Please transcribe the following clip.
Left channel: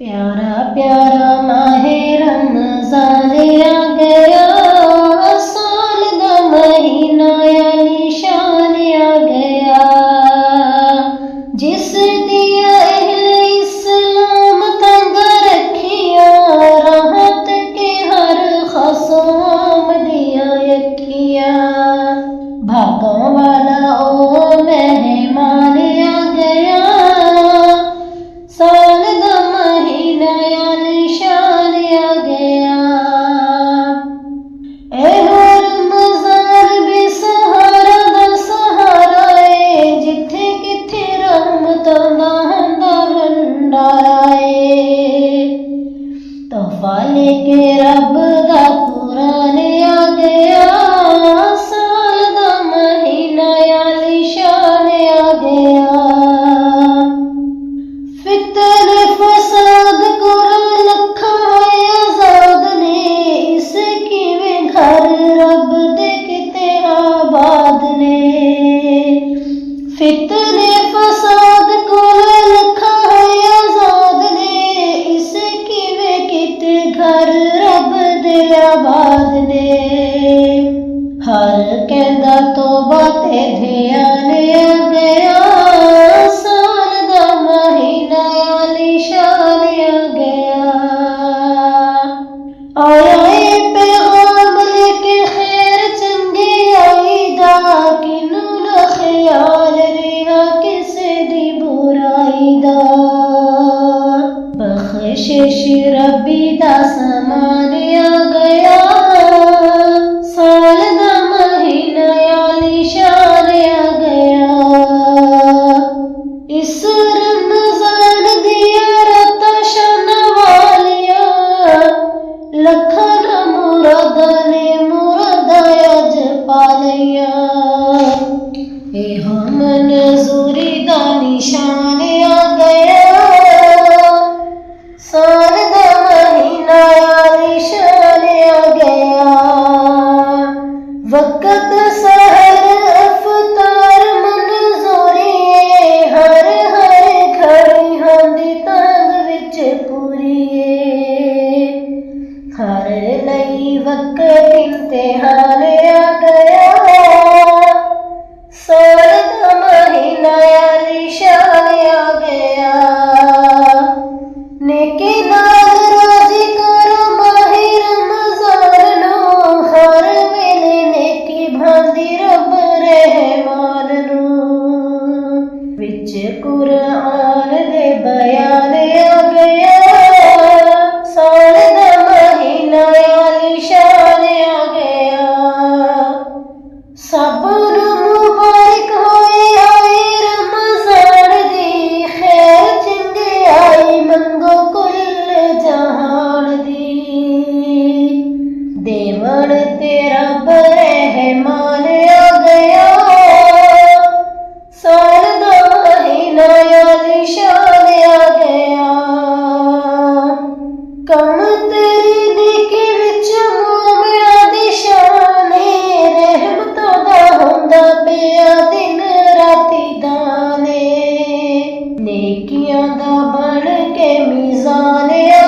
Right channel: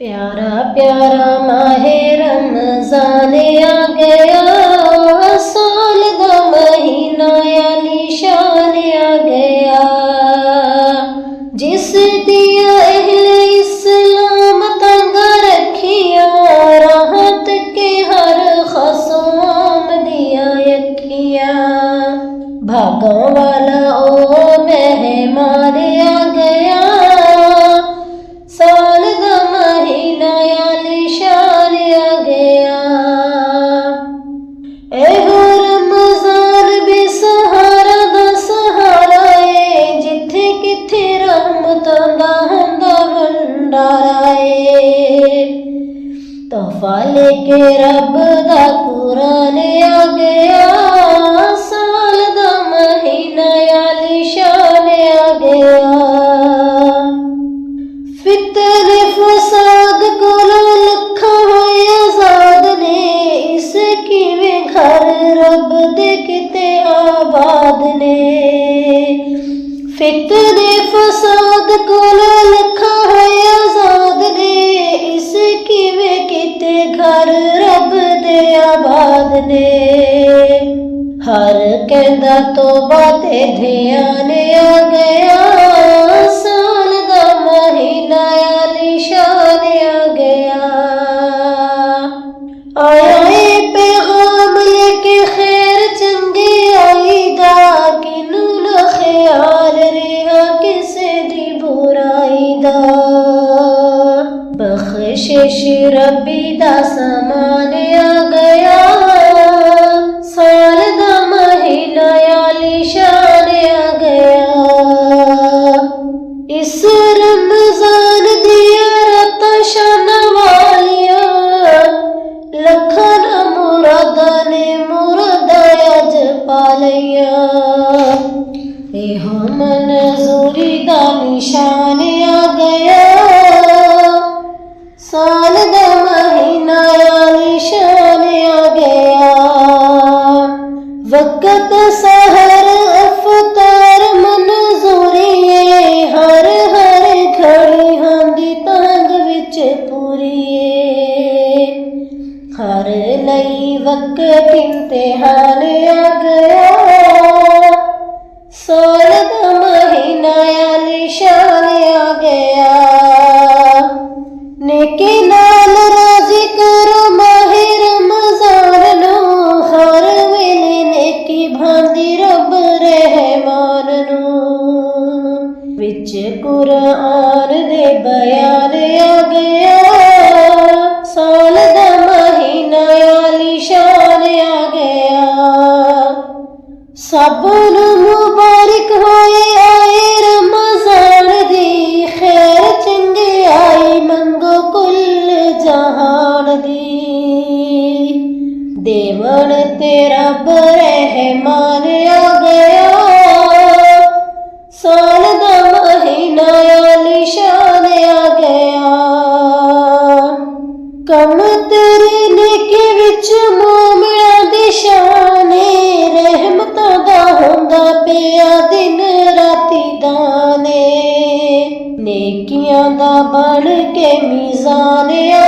प्यारा प्यारा माहे रमज़ान आ गया, साल दा महीना आलीशान आ गया। जिस दिया अहले इस्लाम तंग रखिया, राहत के हर खसम दिया यखिया। भागा वाला ओ मेहमान आ गया, साल दा महीना आलीशान आ गया। एहो रमज़ान बेसहारा दा सहारा ए, जिथे किथे रहमतां दा हुंदा भंडारा ए। तोहफा लेके रब दा कुरान आ गया, साल दा महीना आलीशान आ गया। फितर फसाद कोल लखा होए आजाद ने, इस किवें घर रब दे किते आबाद ने। फितर फसाद कोल लखा होए आजाद ने, इस किवें किते घर रब दे आबाद ने। हर कहंदा तौबा ते ध्यान आ गया, साल दा महीना आलीशान आ गया। आए पैगाम लेके खैर चंगी आईदा, किनू ना ख्याल रेहा किसे दी बुराई दा। बख्शिश रब्बी दा समान आ गया, साल दा महीना आलीशान आ गया। इस रमज़ान दिया रातां शान वालिया, लखां मुरादां ने मुरादां अज पा लईया। एहो मंजूरी दा निशान आ गया, साल दा महीना आलीशान आ गया। वक़्त सहर अफ्तार मंजूरी ए, हर हर घड़ी हांदी तंग विच पूरी ए। हर नई वक़्त इम्तिहान आ गया, साल दा महीना आलीशान आ गया। नेकी नाल राज़ी करो माहे रमज़ान नूं, हर वेले नेकी भांदी रब रहमान नूं। विच कुरान दे बयान आ गया, साल दा महीना आलीशान आ गया। सब नूं मुबारक होए आए रमज़ान दी, खैर चंगियाई मंगो कुल जहान दी। देवण ते रब रहमान आ गया, साल दा महीना आलीशान आ गया। कम तेरी नेकी विच मोमिना दी शान ए, रहमतां दा हुंदा पिया दिन राती दाने। नेकियां दा बन के मीज़ान आ